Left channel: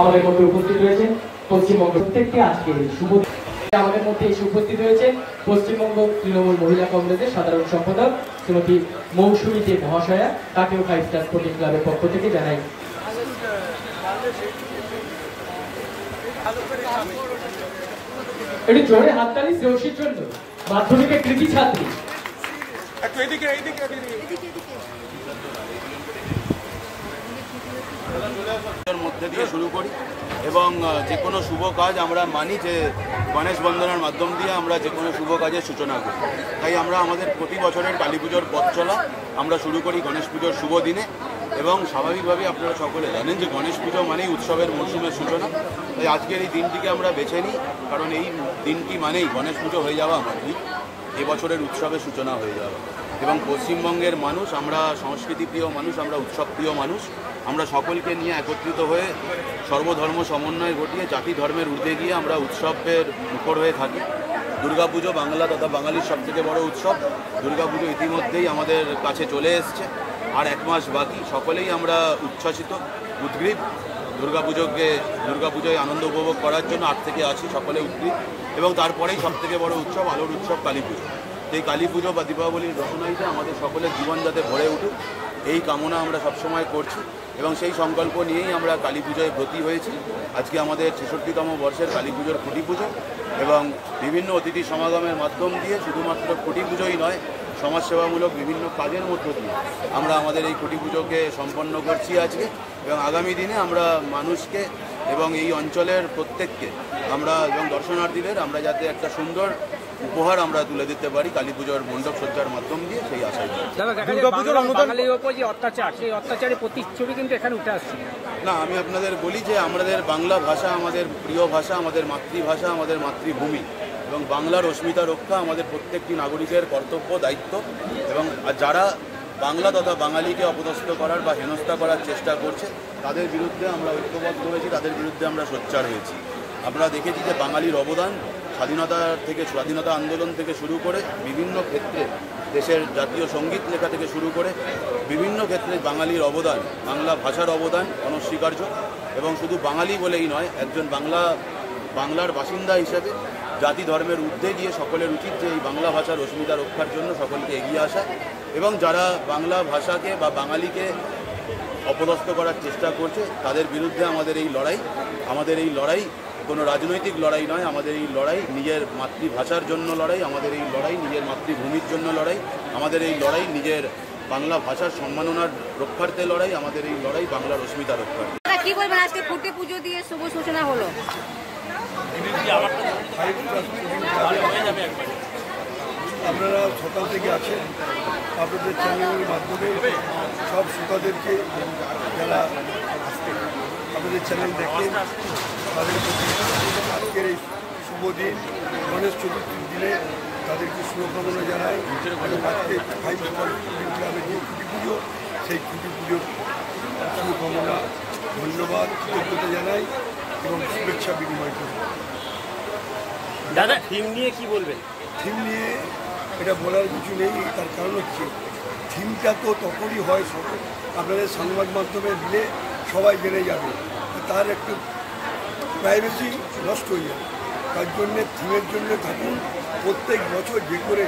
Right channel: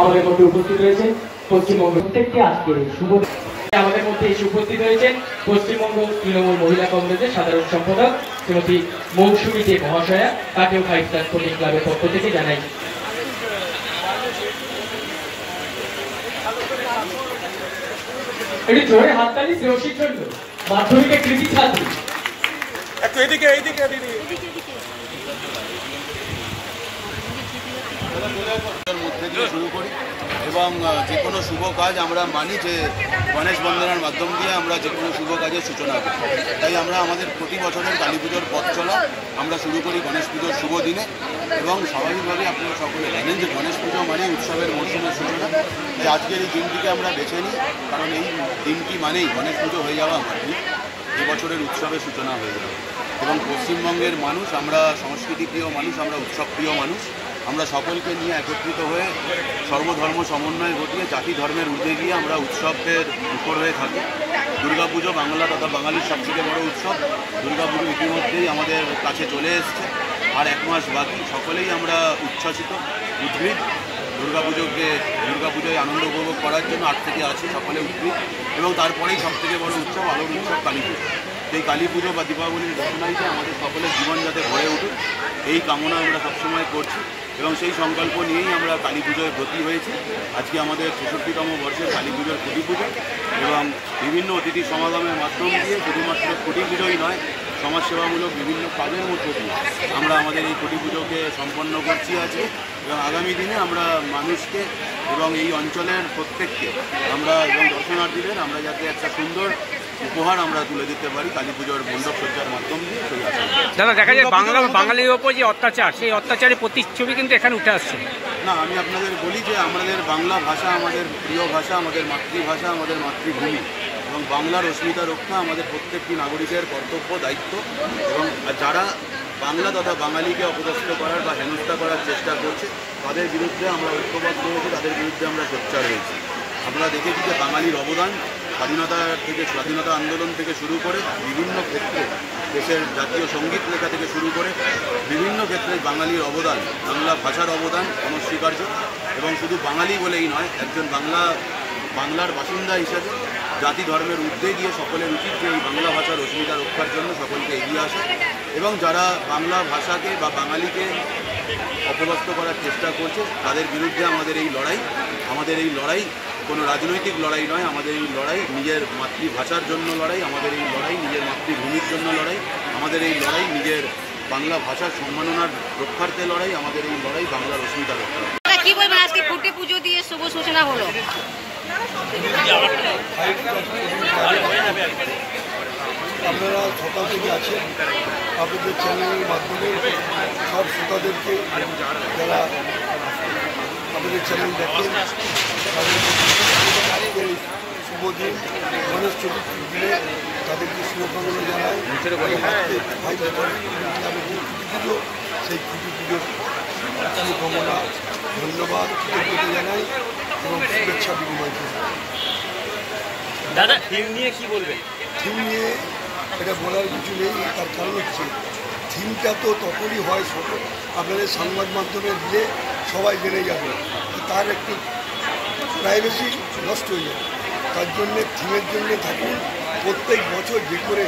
আমাদের মধ্যে উপস্থিত রয়েছেন পশ্চিমবঙ্গের প্রত্যেকটি আজকে শুভ আমাদের মধ্যে এসে উপস্থিত হয়েছেন পশ্চিমবঙ্গ তৃণমূল মহিলা কংগ্রেসের সাধারণ সম্পাদক শ্রীমতী মৌসুমী দে মহাশয়া। তাকেও 5 স্টার স্পোর্টিং ক্লাবের পক্ষ থেকে জানাই এটি জোরে হাততালি শ্রেয়সীর জন্য মাধ্যমিকের কৃতি ছাত্রী। মধ্যে দিয়ে শুরু করি এবং যে কোনো শুভ কাজ আমরা মানি যে গণেশ বন্দনার মাধ্যম দিয়ে আমরা যে কোনো শুভ কাজের সূচনা করি। তাই আমরা আমাদের প্রতি বছরের কালী পুজোর পথ চলা আমরা শুরু করি গণেশ পুজোর শুভ দিনে এবং স্বাভাবিকভাবেই আপনারা সকলে জানেন যে গণেশ পুজো মানেই উৎসবের মরশুমের সূচনা। তাই আজকের এই দিনটিকে আমরা বেছে নিই, কারণ এই দিনটি মানেই গণেশ পুজো হয়ে যাওয়া মানেই এবছরের উৎসবের সূচনা হয়ে যাওয়া। এবং পশ্চিমবঙ্গের মানুষ আমরা সংস্কৃতিপ্রিয় মানুষ, আমরা উৎসবপ্রিয় মানুষ, আমরা সকলকে নিয়ে একত্রিত হয়ে সর্বধর্ম সমন্বয় ঘটিয়ে জাতি ধর্মের ঊর্ধ্বে গিয়ে আমরা উৎসবের মুখর হয়ে থাকি। দুর্গাপুজো বাংলা তথা বাঙালির সবথেকে বড় উৎসব। দুর্গাপুজো ইতিমধ্যেই আমাদের কাছে চলে এসছে, আর 1 মাস বাকি। সকলেই আমরা উচ্ছ্বাসিত, উদ্গ্রীব। দুর্গাপুজোয় আনন্দ উপভোগ করার জন্য 8 থেকে আছি সকলে উদ্গ্রীব। এবং তারপরেই সবথেকে বড় উৎসব, আলোর উৎসব কালী পুজো। এই কালী পুজো বা দীপাবলির ঘোষণাইতে আমাদের সকলের জীবন যাতে ভরে উঠুক এই কামনা আমরা সবসময় করছি এবং সেই সংকল্প নিয়েই আমরা কালী পুজোয় ব্রতী হয়েছি। আজকে আমাদের 66তম বর্ষের কালী পুজোর খুঁটি পুজো এবং বিভিন্ন অতিথি সমাগমের মাধ্যম দিয়ে শুধুমাত্র খুঁটি পুজোই নয়, সমাজসেবামূলক বিভিন্ন কাজের মধ্য দিয়ে আমরা আমাদের এই খুঁটি পুজোকে সম্পন্ন করছি আজকে। এবং আগামী দিনে আমরা মানুষকে এবং এই অঞ্চলের প্রত্যেককে আমরা এবং দর্শনার্থীদের আমরা যাতে একটা সুন্দর উপহার আমরা তুলে দিতে পারি কালী পুজোর মণ্ডপ সজ্জার মাধ্যম দিয়ে সেই আশা। দাদা, দেখা যায় বাঙালির ওপর যে অত্যাচার, সেই অত্যাচারের প্রতিচ্ছবি কিন্তু এখানে উঠে আসছে। না, আমি আপনাদের বলি যে আমাদের বাংলা ভাষা আমাদের প্রিয় ভাষা, আমাদের মাতৃভাষা, আমাদের মাতৃভূমি এবং বাংলার অস্মিতা রক্ষা আমাদের প্রত্যেকটি নাগরিকের কর্তব্য, দায়িত্ব। এবং যারা বাংলা তথা বাঙালিকে অপদস্থ করার বা হেনস্থা করার চেষ্টা করছে তাদের বিরুদ্ধে আমরা ঐক্যবদ্ধ হয়েছি, তাদের বিরুদ্ধে আমরা সোচ্চার হয়েছি। আপনারা দেখেছি যে বাঙালির অবদান স্বাধীনতা আন্দোলন থেকে শুরু করে বিভিন্ন ক্ষেত্রে, দেশের জাতীয় সঙ্গীত লেখা থেকে শুরু করে বিভিন্ন ক্ষেত্রে বাঙালির অবদান, বাংলা ভাষার অবদান অনস্বীকার্য। এবং শুধু বাঙালি বলেই নয়, একজন বাংলার বাসিন্দা হিসেবে জাতি ধর্মের ঊর্ধ্বে গিয়ে সকলের উচিত যে এই বাংলা ভাষার অস্মিতা রক্ষার জন্য সকলকে এগিয়ে আসা এবং যারা বাংলা ভাষাকে বা বাঙালিকে অপদস্থ করার চেষ্টা করছে তাদের বিরুদ্ধে আমাদের এই লড়াই কোনো রাজনৈতিক লড়াই নয়। আমাদের এই লড়াই নিজের মাতৃভাষার জন্য লড়াই, আমাদের এই লড়াই নিজের মাতৃভূমির জন্য লড়াই, আমাদের এই লড়াই নিজের বাংলা ভাষার সম্মাননার রক্ষার্থে লড়াই, আমাদের এই লড়াই বাংলার অস্মিতা রক্ষা। কি বলবেন, আজকে খুঁটি পুজো দিয়ে শুভ সূচনা হলো? আপনারা সকাল থেকে আছেন, আপনাদের চ্যানেলের মাধ্যমে সব শ্রোতাদেরকে যারা আমাদের চ্যানেল দেখেন আজকের এই শুভ দিন গণেশ চতুর্থীর দিনে তাদেরকে শুভকামনা জানায়। আজকে 5 স্টার ক্লাবের যে খুঁটি পুজো, সেই খুঁটি পুজোর শুভকামনা, ধন্যবাদ, কৃতজ্ঞতা জানাই এবং শুভেচ্ছা বিনিময় করি। দাদা, থিম নিয়ে কি বলবেন? থিম নিয়ে এটা বলার কিছু নেই, তার কারণ হচ্ছে থিমটা তো তখনই হয় আপনাদের সংবাদ মাধ্যমে দিলে সবাই জেনে যাবে, তার একটু প্রাইভেসি নষ্ট হয়ে যাবে। তার জন্যে থিমের জন্যে থাকুন প্রত্যেক বছর যে করে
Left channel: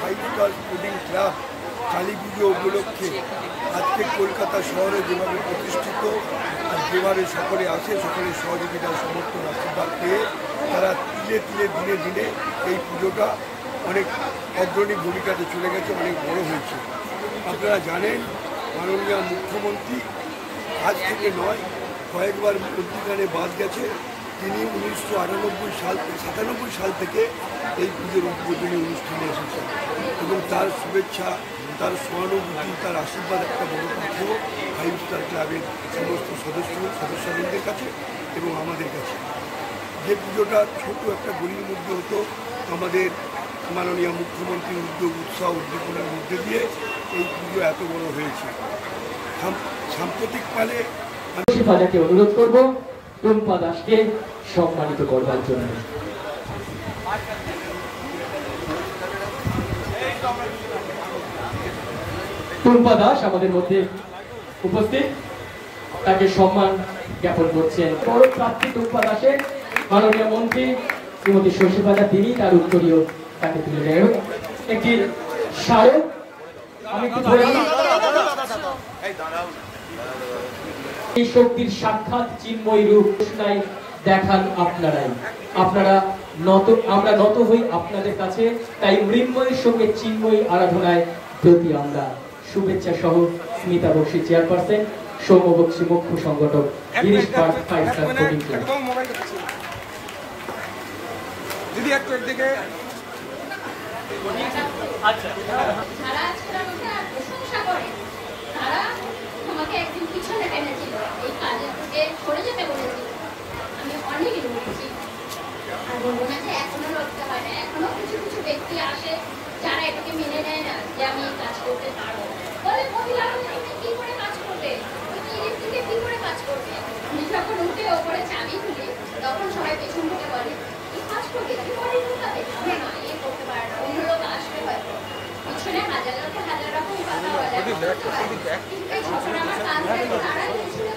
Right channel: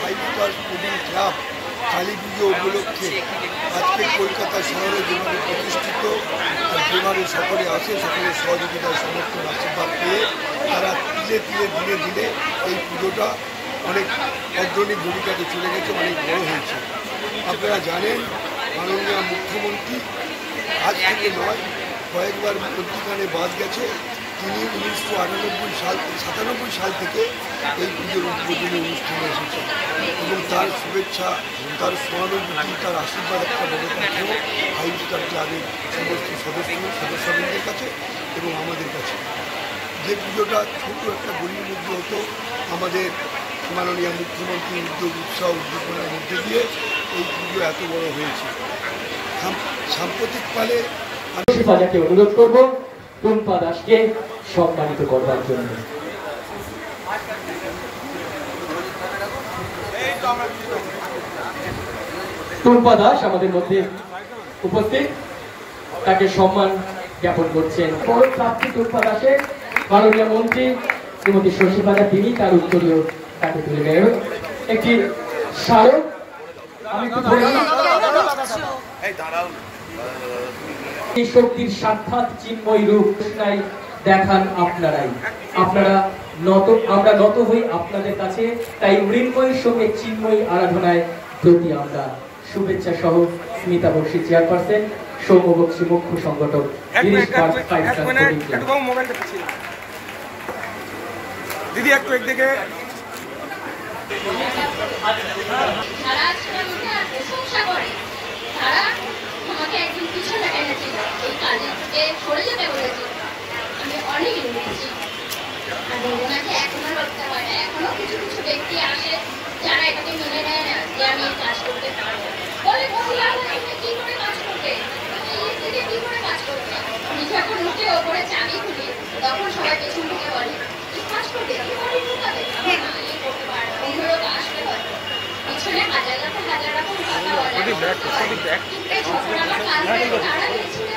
5 স্টার স্পোর্টিং ক্লাব কালী পুজো উপলক্ষে আজকে কলকাতা শহরে যেভাবে প্রতিষ্ঠিত আর যেভাবে সকলে আসে, সকলের সহযোগিতার সমর্থন আশীর্বাদ পেয়ে তারা তিলে তিলে দিনে দিনে এই পুজোটা অনেক অগ্রণী ভূমিকাতে চলে গেছে, অনেক বড় হয়েছে। আপনারা জানেন মাননীয় মুখ্যমন্ত্রী আজ থেকে নয় কয়েকবার মন্ত্রীখানে বাদ গেছে, তিনি 1997 সাল থেকে এই পুজোর উদ্বোধনী অনুষ্ঠানে এসেছেন এবং তার শুভেচ্ছা, তার সহানুভূতি, তার আশীর্বাদ একটা বড় পাঠিয়েও 5 স্টার ক্লাবের সমস্ত সদস্যবৃন্দের কাছে এবং আমাদের কাছে। যে পুজোটা ছোট একটা গলির মধ্যে হতো, আমাদের মাননীয় মুখ্যমন্ত্রীর উদ্যোগ, উৎসাহ, উদ্দীপনার মধ্যে দিয়ে এই পুজো এত বড় হয়েছে। সাম্প্রতিক কালে আমি অনুরোধ করব টুম্পা দাসকে সম্মানিত করবার জন্য। টুম্পা দাস আমাদের মধ্যে উপস্থিত, তাকে সম্মান জ্ঞাপন করছেন। প্রাপ্তি টুকপা দাসে মাননীয় মন্ত্রী শ্রীমতী শশীপাদা তিনি তার উত্তরীয় তাকে তুলে নেয় একটি স্মারক। আমি একটু বলি, এই শক্তির সাক্ষাৎ চিন্ময় রূপ দেখান আপনারাই। আপনারা আমরা নত হই আপনাদের কাছে, তাই মৃন্ময়ের সঙ্গে চিন্ময় আরাধনায় প্রতি আমরা শুভেচ্ছা সহ স্মিতা বক্সী চেয়ারপারসন, সৌম্য বক্সী মুখ্য সংগঠক, Girish park 5 star sporting club. দিদি একটু একদিকে তারা আজকাল প্রশংসা করে, তারা আমাকে একদিন পিছনে এনেছিল, এই কাজের থেকে সরে যেতে বলেছিল। আমি অনেক লড়েছি, আর রবীন্দ্রনাথে এখনো লড়তে হয় না। এখনো কিছু কিছু ব্যক্তি আসে যারা এটাকে মেনে নেয় না যে আমি এই কাজ করতে পারবো। বলে মহিলা এখানে কি করে কাজ করবে, এই থেকে কি করে কাজ করবে। আমি যখন উঠে ওপরে চাবি খুলি তখন সবাই পেছন থেকে বলে এই কাজ করবে, কি পারি ঢুকাবে, এই করতে পারবে, অন্য লোক আসতে হয়। পিছনে হাজার রকম কথা বলে, কিন্তু এই ছোট আমার কাজ তারা দিয়েছিল